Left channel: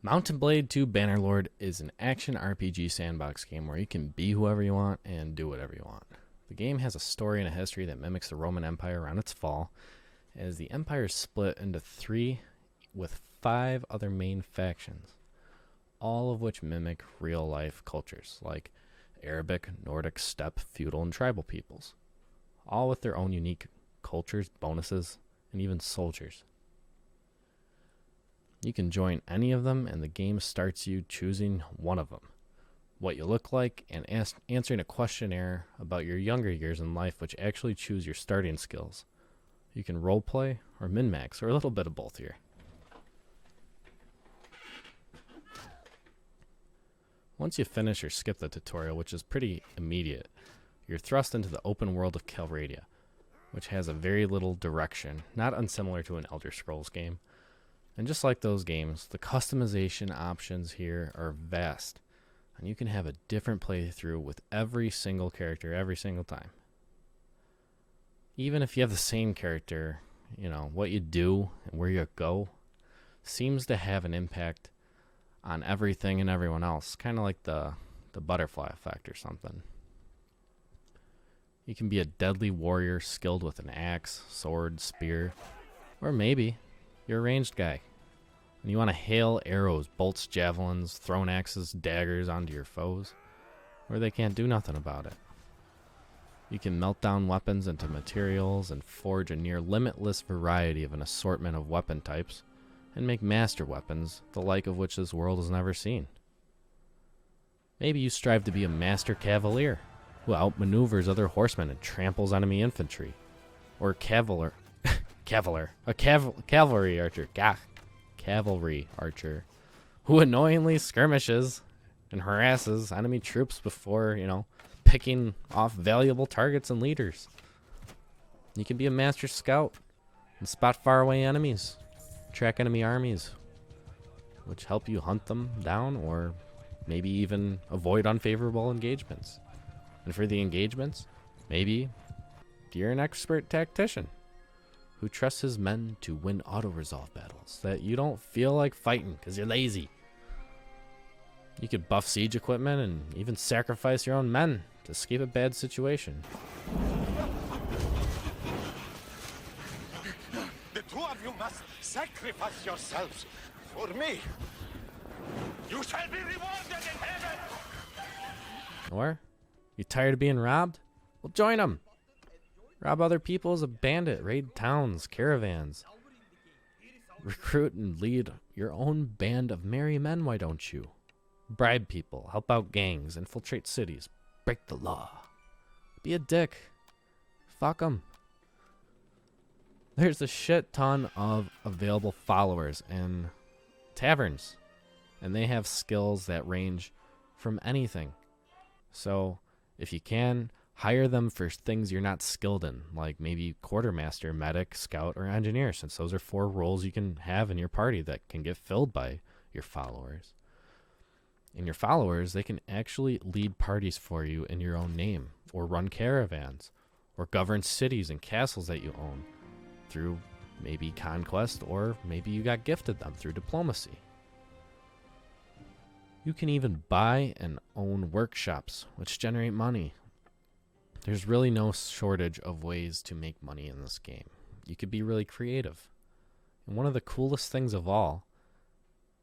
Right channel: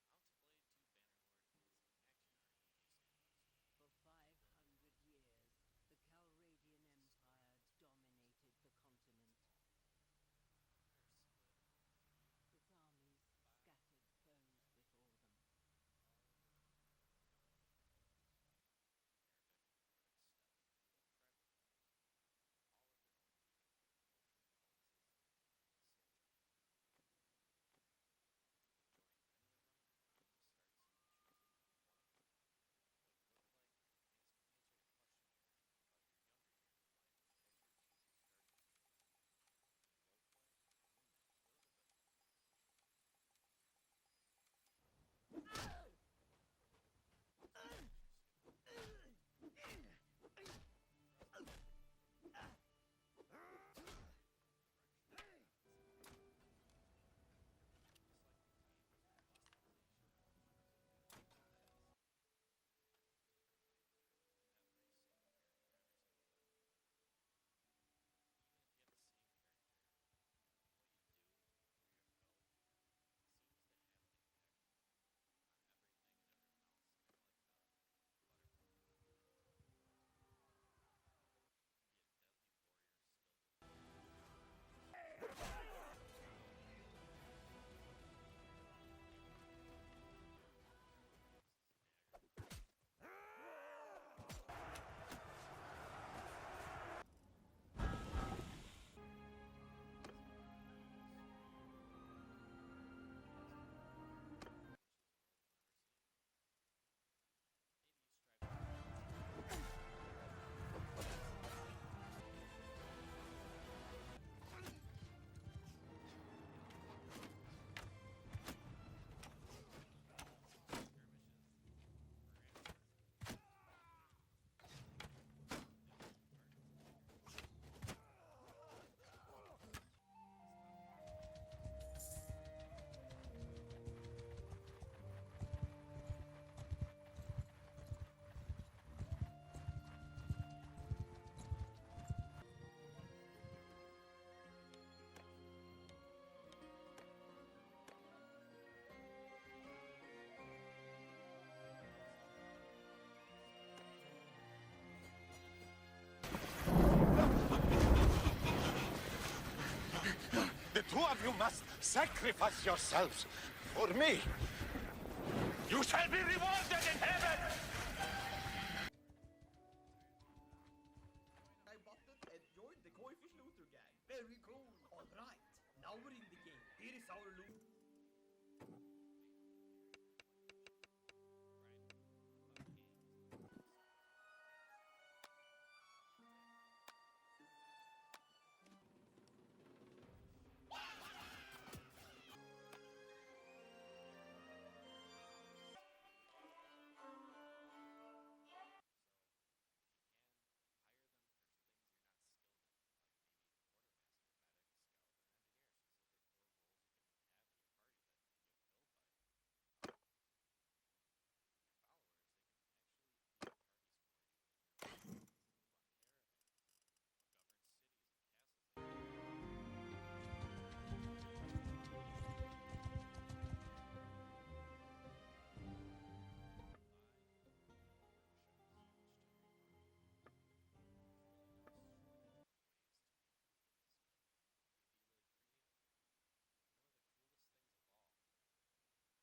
Mountain Blade 2 Bannerlord is an action RPG sandbox game where you can be whoever you want and do whatever you want. The game has a story and a history that mimics the Roman Empire around its fall, as the empire is split into three with five other main factions, all of which mimic real-life cultures like Arabic, Nordic, steppe, feudal, and tribal peoples, all with their own unique cultures, bonuses, and even soldiers. You can join any of them, and the game starts you choosing one of them, what you look like, and answering a questionnaire about your younger years in life, which actually choose your starting skills. You can roleplay or min-max, or a little bit of both here. Once you finish or skip the tutorial, which is pretty immediate, you're thrust into the open world of Calradia, which has a very little direction, not unsimilar to an Elder Scrolls game. And just like those games, the customization options here are vast, and you can have a different playthrough with every single character every single time. Even if you have the same character, what you do and where you go seems to have an impact on everything and everyone else, kind of like the butterfly effect or something. You can be a deadly warrior skilled with an axe, sword, spear, or maybe you're a ranged guy and you want to hail arrows, bolts, javelins, thrown axes, daggers onto your foes, where they can't do nothing about it. You can melt down weapons into materials and forge a near limitless variety of an assortment of weapon types and make master weapons, the like of which this world has never seen. Maybe you strive to be a master cavalier who outmaneuvers other horsemen and tramples enemy infantry, or cavalry archer who annoyingly skirmishes and harasses enemy troops before, picking off valuable targets and leaders. You can be a master scout and spot faraway enemies, track enemy armies, which help you hunt them down or maybe even avoid unfavorable engagements. And for the engagements, maybe you're an expert tactician who trusts his men to win auto-resolve battles that you don't feel like fighting because you're lazy. You could buff siege equipment and even sacrifice your own men to escape a bad situation. The two of you must sacrifice yourselves for me. You shall be rewarded in heaven. Or, you tired of being robbed? Well, join them. Rob other people as a bandit, raid towns, caravans. Recruit and lead your own band of merry men, why don't you? Bribe people, help out gangs, infiltrate cities, break the law. Be a dick. Fuck them. There's a shit ton of available followers and taverns, and they have skills that range from anything. So, if you can, hire them for things you're not skilled in, like maybe quartermaster, medic, scout, or engineer, since those are 4 roles you can have in your party that can get filled by your followers. And your followers, they can actually lead parties for you in your own name, or run caravans, or govern cities and castles that you own through maybe conquest, or maybe you got gifted them through diplomacy. You can even buy and own workshops, which generate money. There's really no shortage of ways to make money in this game. You could be really creative. And one of the coolest things of all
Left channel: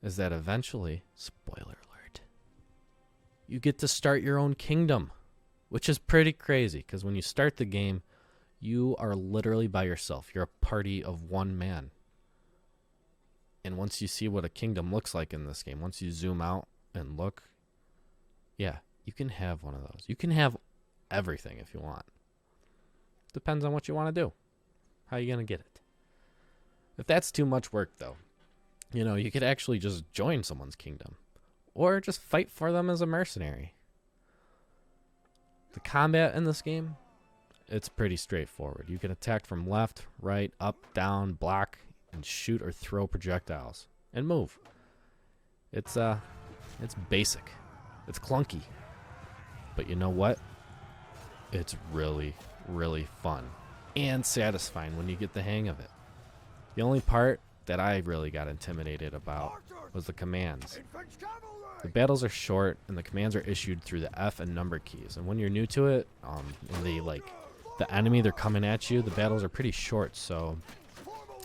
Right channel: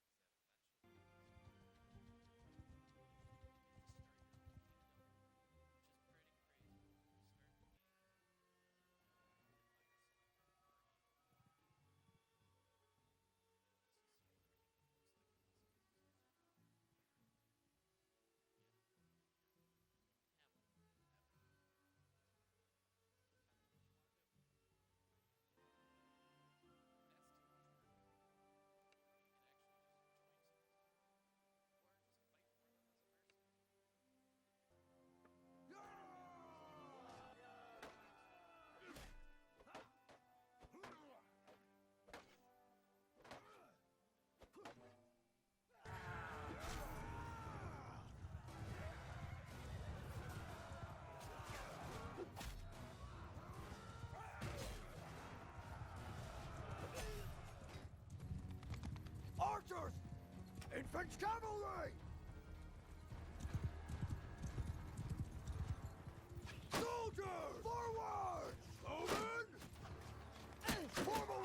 is that eventually, spoiler alert, you get to start your own kingdom, which is pretty crazy because when you start the game, you are literally by yourself. You're a party of one man. And once you see what a kingdom looks like in this game, once you zoom out and look, yeah, you can have one of those. You can have everything if you want. Depends on what you want to do. How you going to get it? If that's too much work, though, you could actually just join someone's kingdom or just fight for them as a mercenary. The combat in this game, it's pretty straightforward. You can attack from left, right, up, down, block, and shoot or throw projectiles and move. It's basic. It's clunky. But you know what? It's really, really fun and satisfying when you get the hang of it. The only part that I really got intimidated about was the commands. The battles are short, and the commands are issued through the F and number keys. And when you're new to it, and the enemy they're coming at you, the battles are pretty short, so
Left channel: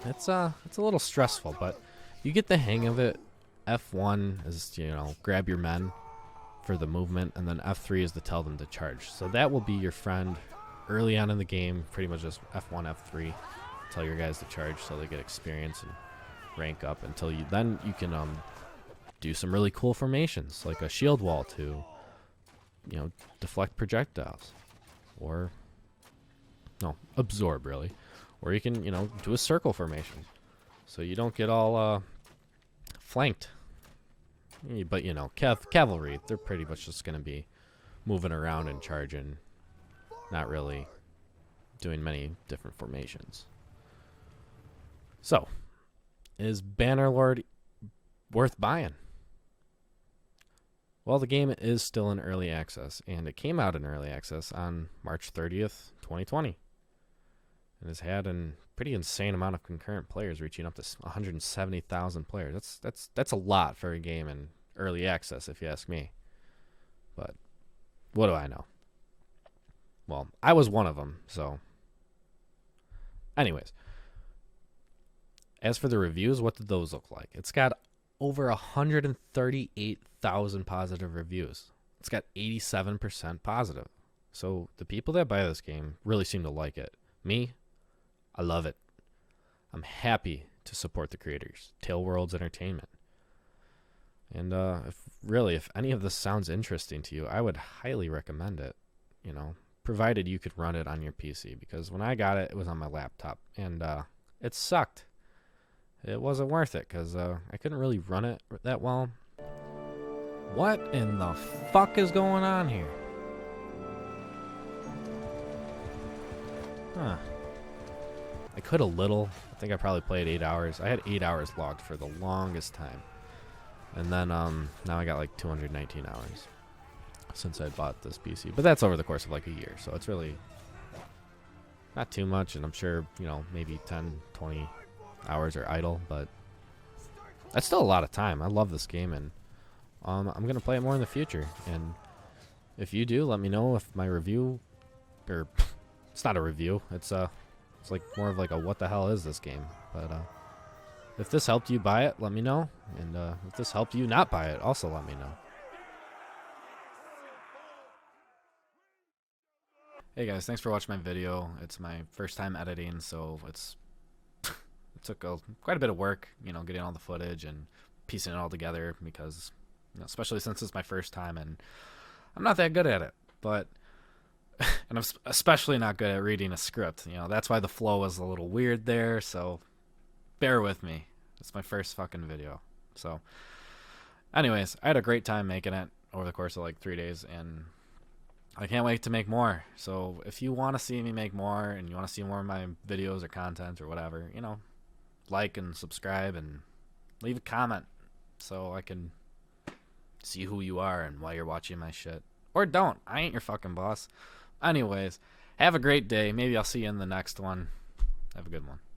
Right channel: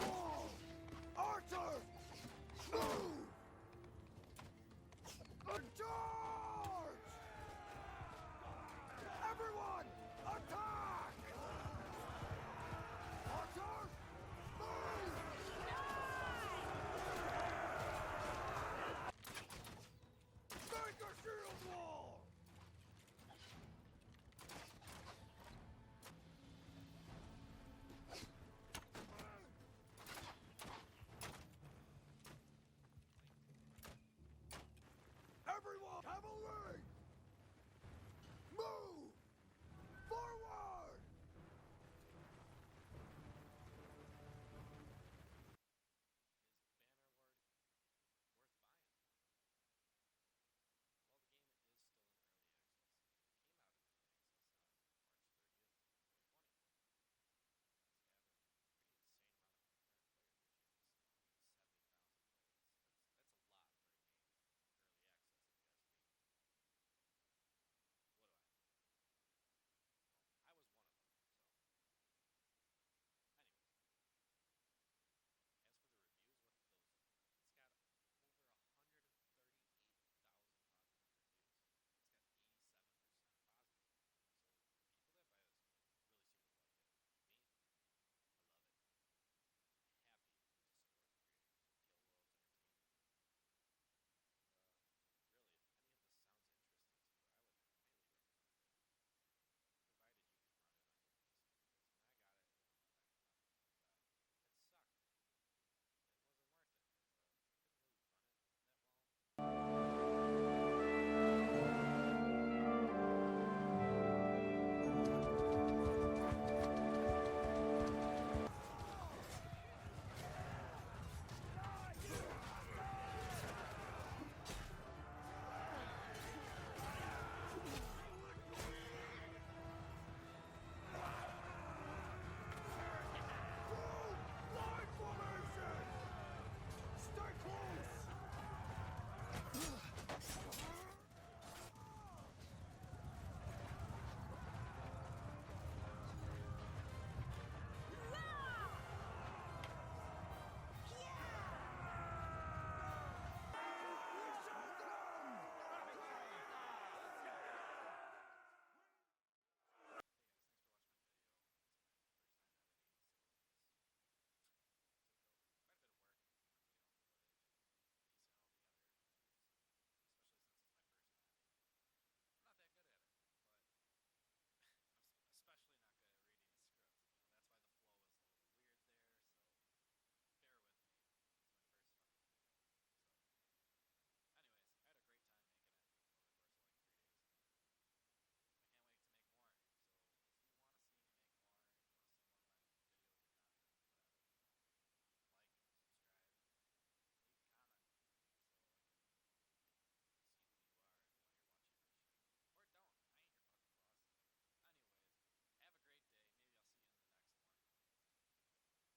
it's a little stressful, but you get the hang of it. F1 is, you know, grab your men for the movement, and then F3 is to tell them to charge. So that will be your friend early on in the game, pretty much just F1, F3, tell your guys to charge so they get experience and rank up until you can do some really cool formations, like a shield wall to, you know, deflect projectiles, or no, absorb really, or you can, you know, do a circle formation so you don't get all flanked. But you know, cavalry, they're pretty much just going to be moving around and charging, not really doing many different formations. So, is Bannerlord worth buying? Well, the game is still in early access, and it came out in early access on March 30th, 2020. And has had a pretty insane amount of concurrent players, reaching up to 170,000 players. That's a lot for a game in early access, if you ask me. But what do I know? Well, I was one of them, so. Anyways, as for the reviews, what did those look like? It's got over 138,000 positive reviews. It's got 87% positive. So the people that buy this game really seem to like it. Me, I love it. I'm happy to support the creators, Tail Worlds Entertainment. And if any of this sounds interesting to you, I would highly recommend it, you know, provided you could run it on your PC, because when I got it, it was on my laptop, and it sucked. It wasn't worth it, because I couldn't really run it that well. What in the fuck is going on here? Huh. I could a little. I think I probably played 8 hours. I had 8 hours logged for the longest time. And then now I got like 219 hours since I bought this PC. But that's over the course of like a year, so it's really not too much, and I'm sure, you know, maybe 10, 20 hours are idle, but that's still a lot of time. I love this game, and I'm going to play it more in the future. And if you do, let me know if my review, or it's not a review, it's like more of like a what the hell is this game. But if this helped you buy it, let me know. And if this helped you not buy it, also let me know. Hey guys, thanks for watching my video. It's my first time editing, so it took quite a bit of work, you know, getting all the footage and piecing it all together, because, you know, especially since it's my first time and I'm not that good at it. But and I'm especially not good at reading a script. You know, that's why the flow was a little weird there, so bear with me. It's my first fucking video. So anyways, I had a great time making it over the course of like 3 days, and I can't wait to make more. So if you want to see me make more, and you want to see more of my videos or content or whatever, you know, like and subscribe and leave a comment so I can see who you are and why you're watching my shit. Or don't. I ain't your fucking boss. Anyways, have a great day. Maybe I'll see you in the next one. Have a good one.